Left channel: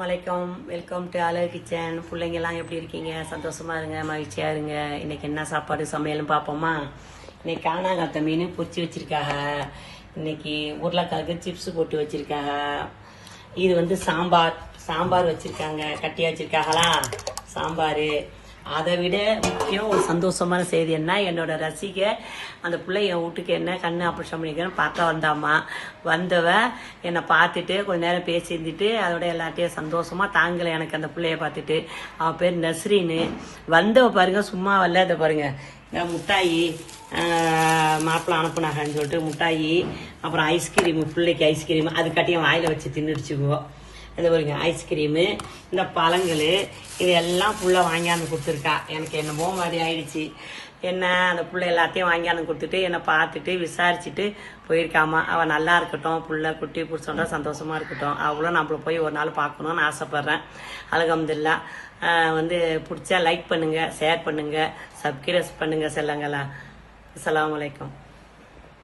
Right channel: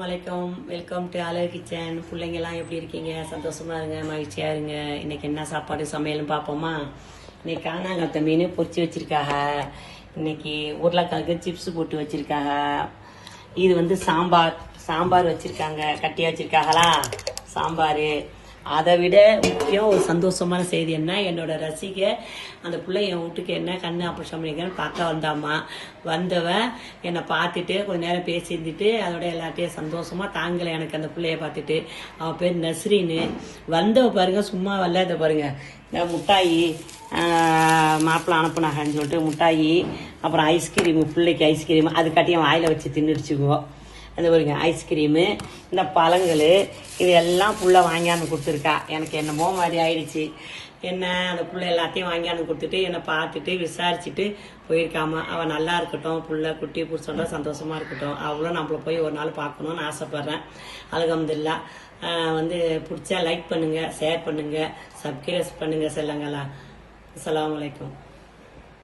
வணக்கம், welcome to அழகு kitchen. பிள்ளைங்கெல்லாம் எப்படி இருக்கீங்க? சந்தோஷமா இருங்க, மகிழ்ச்சியா இருங்க. இன்னைக்கு என்ன சாப்பாடு சமையலும் பார்ப்போமா? இன்னைக்கு காணாங்காத்த மீன் பொரிச்சு வச்சிருக்காங்க. இன்னைக்கு உருளைக்கிழங்கு சிப்ஸ் போட்டு வச்சிருக்காங்க. இது வந்து சாம்பார் வச்சிருக்காங்க, கட்டியா வச்சிருக்காங்களா சாம்பார். அதை விட முக்கியம் ஒரு சந்தோஷமான செய்தி என்ன, என்னோட ரசிகை அந்த பிள்ளை என் வீட்டுக்கு என்ன கண்ணு ஆப்ரேஷன் பண்ணிக்கிறேன்னு பார்க்க வந்தாமா. வந்தவன் என்னை பார்த்துட்டு கொஞ்ச நேரம் பேசியிருந்துட்டு அதோட எல்லாத்தையும் சந்தோஷமா தாங்கலை எனக்கு அந்த பிள்ளைய பார்த்துட்டு. அவன் பேர் நஸ்ரீன்னு. வந்தவ பாருங்க, சும்மா விளையாட பாருங்க. இந்த முட்டாயி மாப்பிள்ளை அனுப்புனாங்கன்னு சொல்லிட்டு முட்டாயி, அப்புறம் ஐஸ்கிரீமு, பிள்ளைக்கு ஐஸ்கிரீமு அது கட்டியும் வாயில வச்சு தின்னுடுச்சுக்குவோம். இந்த பாருங்க ஐஸ்கிரீமு, இந்த பழங்கள், இது எல்லாம் புள்ள வாங்கியாந்து கொடுத்துருக்கா. எனக்கு என்னமோ மாதிரி ஆயிடுச்சு. என்ன அந்த புள்ள எல்லாத்தையும் வாங்கியாந்து கொடுத்துட்டு என்னை பார்த்துட்டு விசாரிச்சுட்டு போயிருக்காமா. அவள் நல்லா இருக்கட்டும், புள்ள குட்டி புடிச்சோட சந்தோஷமா இருக்கட்டும். அவளும் நம்மள போய் ஒரு நாள் பார்க்கணும்னு ஆசைப்படுறேன். அல்ஹம்துலில்லாஹ். வந்து பிடிச்சா லைக் பண்ணுங்க, ஷேர் பண்ணுங்க, சப்ஸ்கிரைப் பண்ணுங்க செல்லங்களா. அஸ்ஸலாமு அலைக்கும்.